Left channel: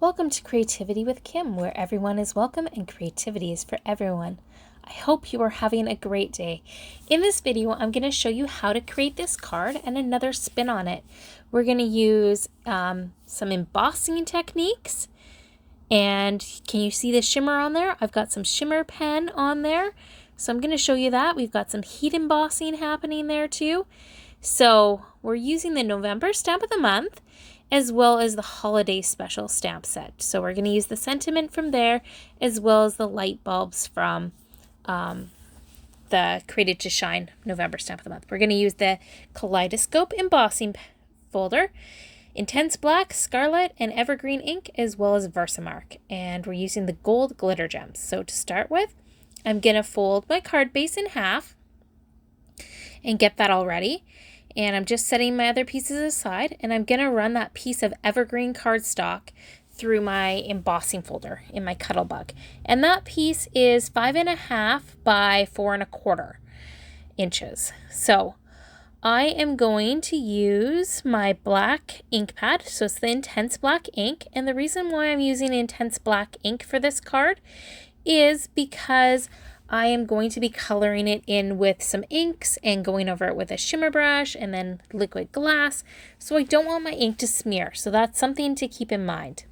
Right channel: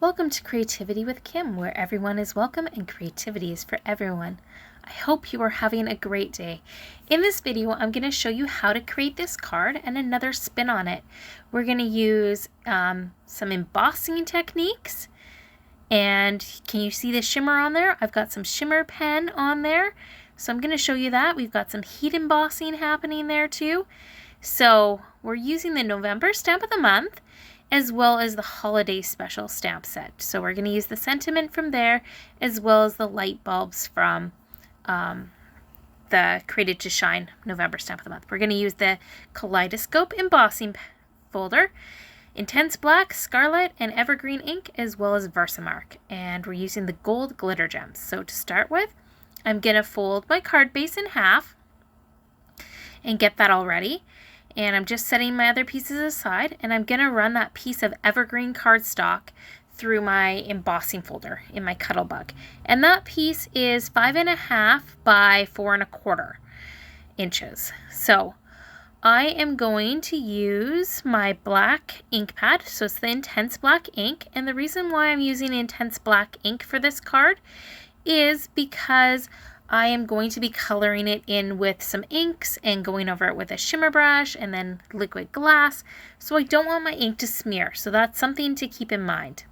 Welcome to Creativity with Kim, where everyone is welcome and creativity is for everyone. I hope you are having a great day. In this video, I'm going to show you how to create this card and another spin on it. We're going to use some embossing techniques. And can you see the shimmer on there? I've got some shimmer pen on there. So I'm going to show you that. We've got some heat embossing happening there too. So we're using the November stamp of the month, as well as the holiday special stamp set. So we're going to use the sentiment from there, as well as the light bulbs from the Created to Shine November stamp of the month. We're going to use the Kaleidoscope embossing folder, Intense Black, Scarlet, and Evergreen ink, as well as Versamark. And we're using the gold glitter gems. So to start with, I'm going to fold my card base in half and get that all ready. And I'm just setting my other pieces aside, and I'm going to run that piece of Evergreen cardstock through my embossing folder in my Cuttlebug. And that piece is 5.5 by 4.25 inches. So I am going to use my black ink pad. So it's the Intense Black ink. And the reason why I'm using Intense Black ink for this card is because I am going to be coloring it in with some inks and going over it with a shimmer brush and then liquid glass. So I don't want my ink to smear. So that's something to keep in mind.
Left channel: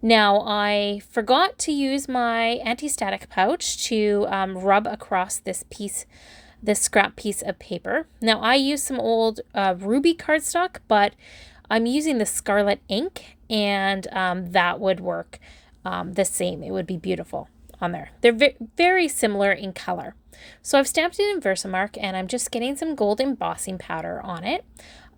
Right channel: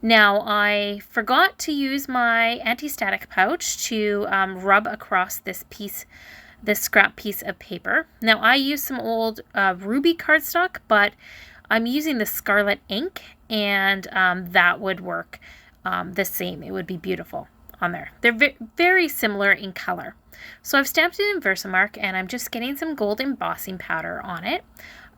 Now I forgot to use my anti-static pouch to rub across this scrap piece of paper. Now I use some old ruby cardstock, but I'm using the Scarlet ink, and that would work the same. It would be beautiful on there. They're very similar in color. So I've stamped it in Versamark, and I'm just getting some gold embossing powder on it.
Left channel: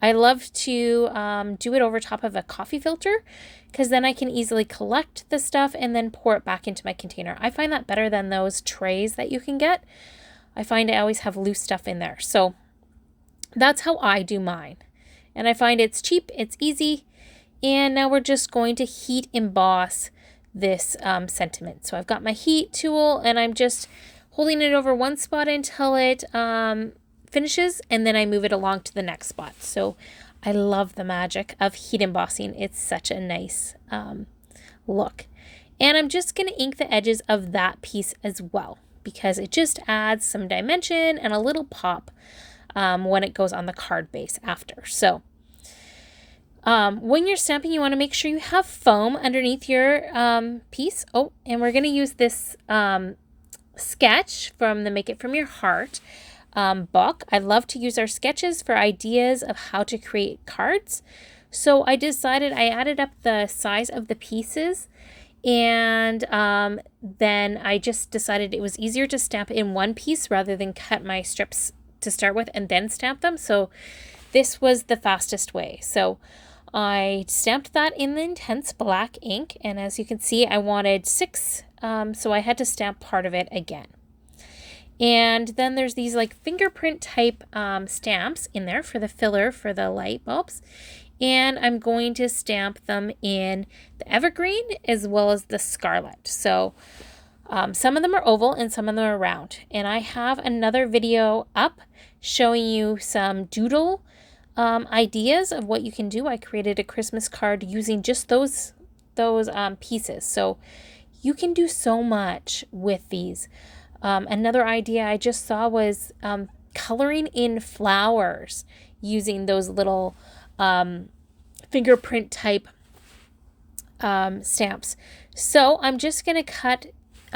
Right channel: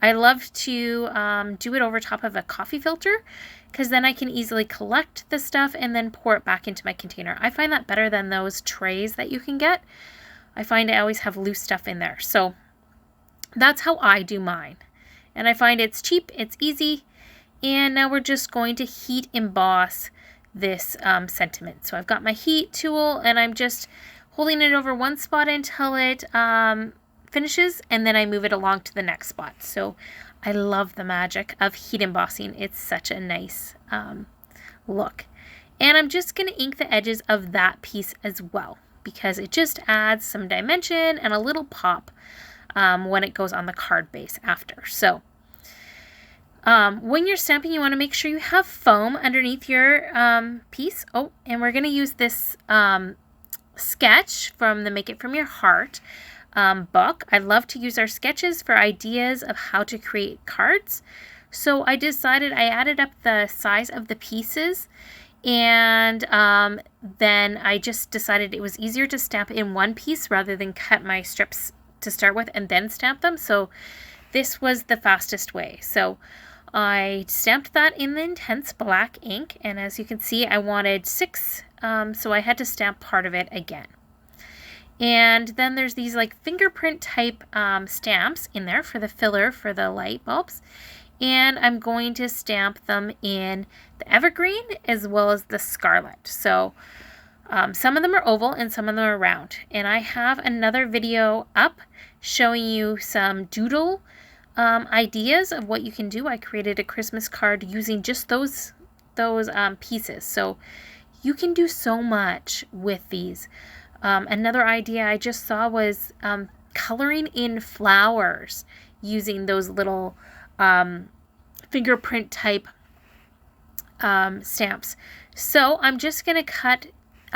I love to do it over top of a coffee filter, because then I can easily collect the stuff and then pour it back into my container. I find that better than those trays that you can get. I find I always have loose stuff in there. So that's how I do mine. And I find it's cheap, it's easy. And now we're just going to heat emboss this sentiment. So I've got my heat tool, and I'm just holding it over one spot until it finishes, and then I move it along to the next spot. So I love the magic of heat embossing. It's such a nice look. And I'm just going to ink the edges of that piece as well, because it just adds some dimension and a little pop when it goes on the card base after. So when you're stamping, you want to make sure you have foam underneath your piece. Oh, and we're going to use this sketch from the Make It From Your Heart book. I love to use our sketches for ideas of how to create cards. So I decided I added up the size of the pieces, and then I just decided it was easier to stamp in one piece rather than cut my strips to start with and then stamp them. So this was the fastest way. So I stamped that in the Intense Black ink, and as you can see, I wanted 6, so I had to stamp part of it again. And then there's these like fingerprint type stamps in there for the filler for the light bulbs, and I'm going to stamp them in the Evergreen as well as the Scarlet. So some of them are oval and some of them are round, and I have another video up showing you some doodle ideas of what you can do. I created a Christmas card using just those pieces. So you can do so much with these. Another idea I just saw was coloring in flowers using those little fingerprint type stamps. So I'm just going to cut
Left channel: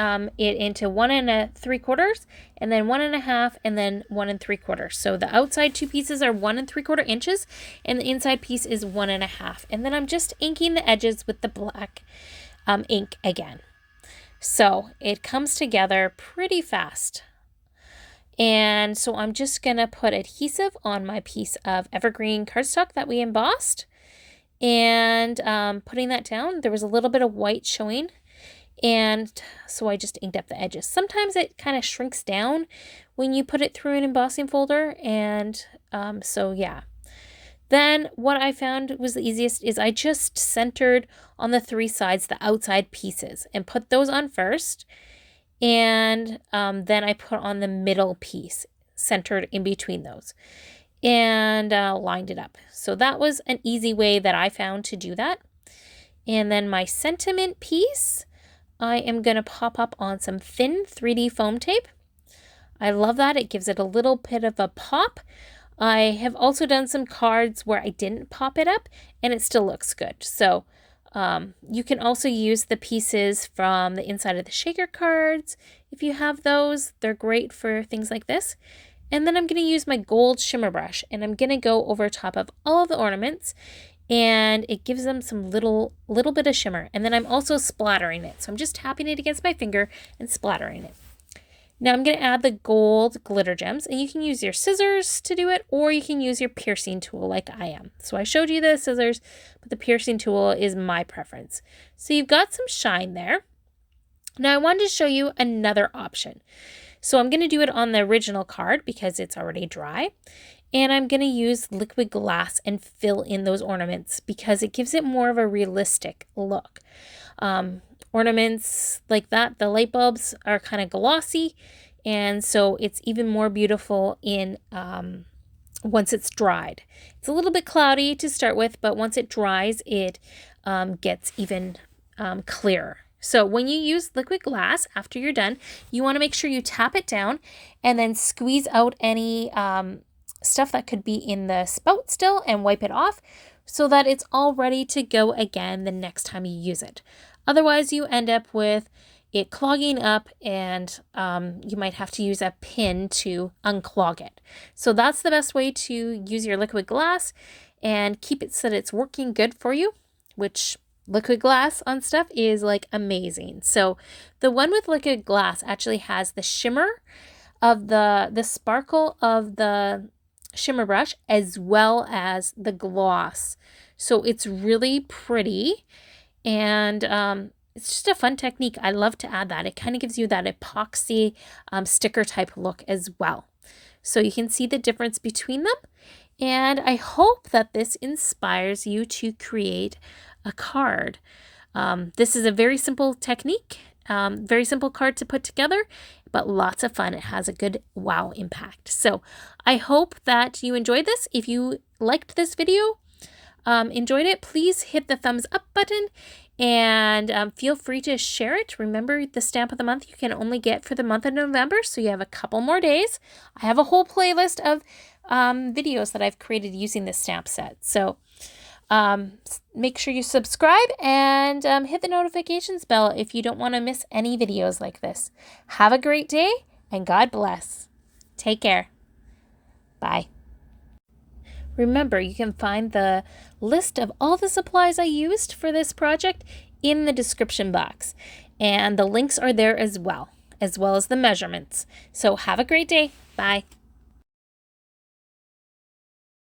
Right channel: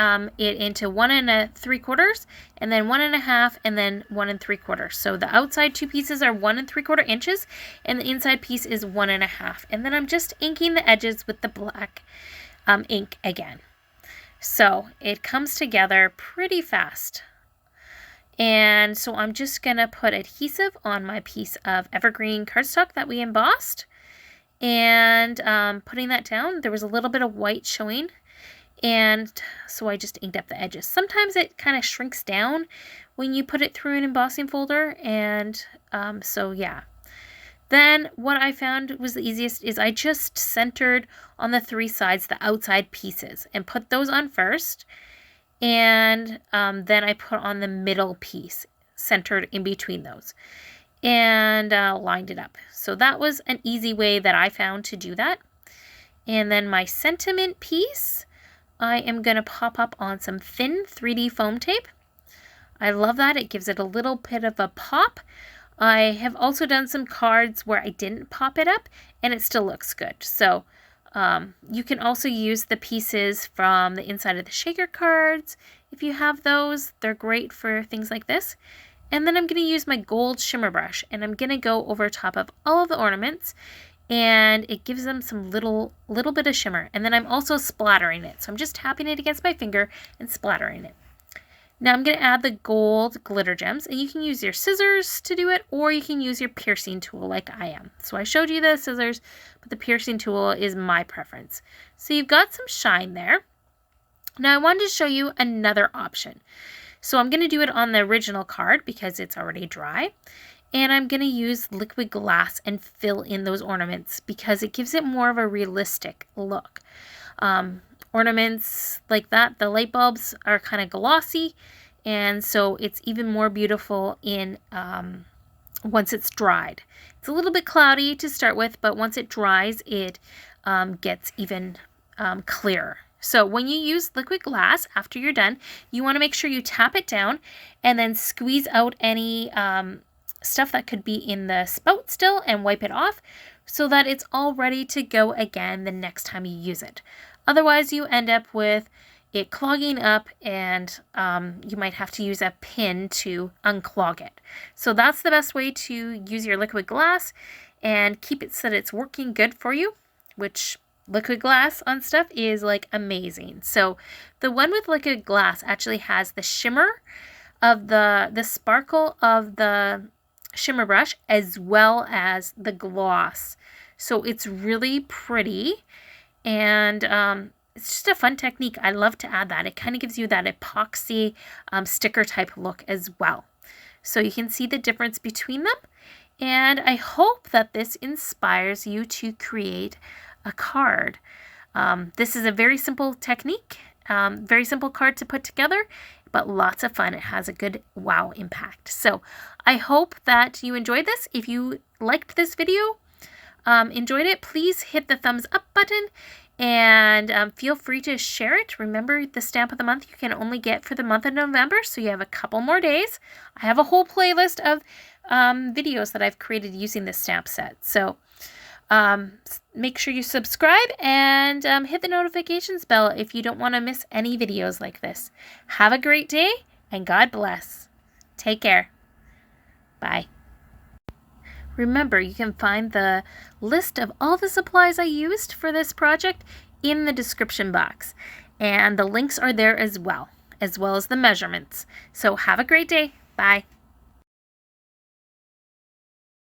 it into 1 3/4, and then 1.5, and then 1 3/4. So the outside 2 pieces are 1 3/4 inches, and the inside piece is 1.5. And then I'm just inking the edges with the black ink again. So it comes together pretty fast. And so I'm just gonna put adhesive on my piece of Evergreen cardstock that we embossed, and putting that down. There was a little bit of white showing, and so I just inked up the edges. Sometimes it kind of shrinks down when you put it through an embossing folder, and so yeah. Then what I found was the easiest is I just centered on the 3 sides the outside pieces and put those on first, and then I put on the middle piece centered in between those. and lined it up. So that was an easy way that I found to do that. And then my sentiment piece, I am going to pop up on some thin 3D foam tape. I love that. It gives it a little bit of a pop. I have also done some cards where I didn't pop it up and it still looks good. So you can also use the pieces from the inside of the shaker cards. If you have those, they're great for things like this. And then I'm going to use my gold shimmer brush and I'm going to go over top of all of the ornaments, and it gives them some little bit of shimmer. And then I'm also splattering it. So I'm just tapping it against my finger and splattering it. Now I'm going to add the gold glitter gems, and you can use your scissors to do it, or you can use your piercing tool like I am. So I showed you the scissors, but the piercing tool is my preference. So you've got some shine there. Now I wanted to show you another option. So I'm going to do it on the original card because it's already dry. And I'm going to use liquid glass and fill in those ornaments because it gives it more of a realistic look. Ornaments like that, the light bulbs are kind of glossy, and so it's even more beautiful in once it's dried. It's a little bit cloudy to start with, but once it dries, it gets even clearer. So when you use liquid glass after you're done, you want to make sure you tap it down and then squeeze out any stuff that could be in the spout still and wipe it off so that it's all ready to go again the next time you use it. Otherwise, you end up with it clogging up, and you might have to use a pin to unclog it. So that's the best way to use your liquid glass and keep it so that it's working good for you, which liquid glass on stuff is like amazing. So the one with liquid glass actually has the shimmer of the sparkle of the shimmer brush as well as the gloss. So it's really pretty. And it's just a fun technique. I love to add that. It kind of gives you that epoxy sticker type look as well. So you can see the difference between them. And I hope that this inspires you to create a card. This is a very simple technique, very simple card to put together, but lots of fun. It has a good wow impact. So I hope that you enjoyed this. If you liked this video, enjoyed it, please hit the thumbs up button and feel free to share it. Remember, the stamp of the month you can only get for the month of November, so you have a couple more days. I have a whole playlist of videos that I've created using this stamp set. So make sure you subscribe and hit the notifications bell if you don't want to miss any videos like this. Have a great day and God bless. Take care. Bye. Remember, you can find the list of all the supplies I used for this project in the description box. And the links are there as well as the measurements. So have a great day. Bye.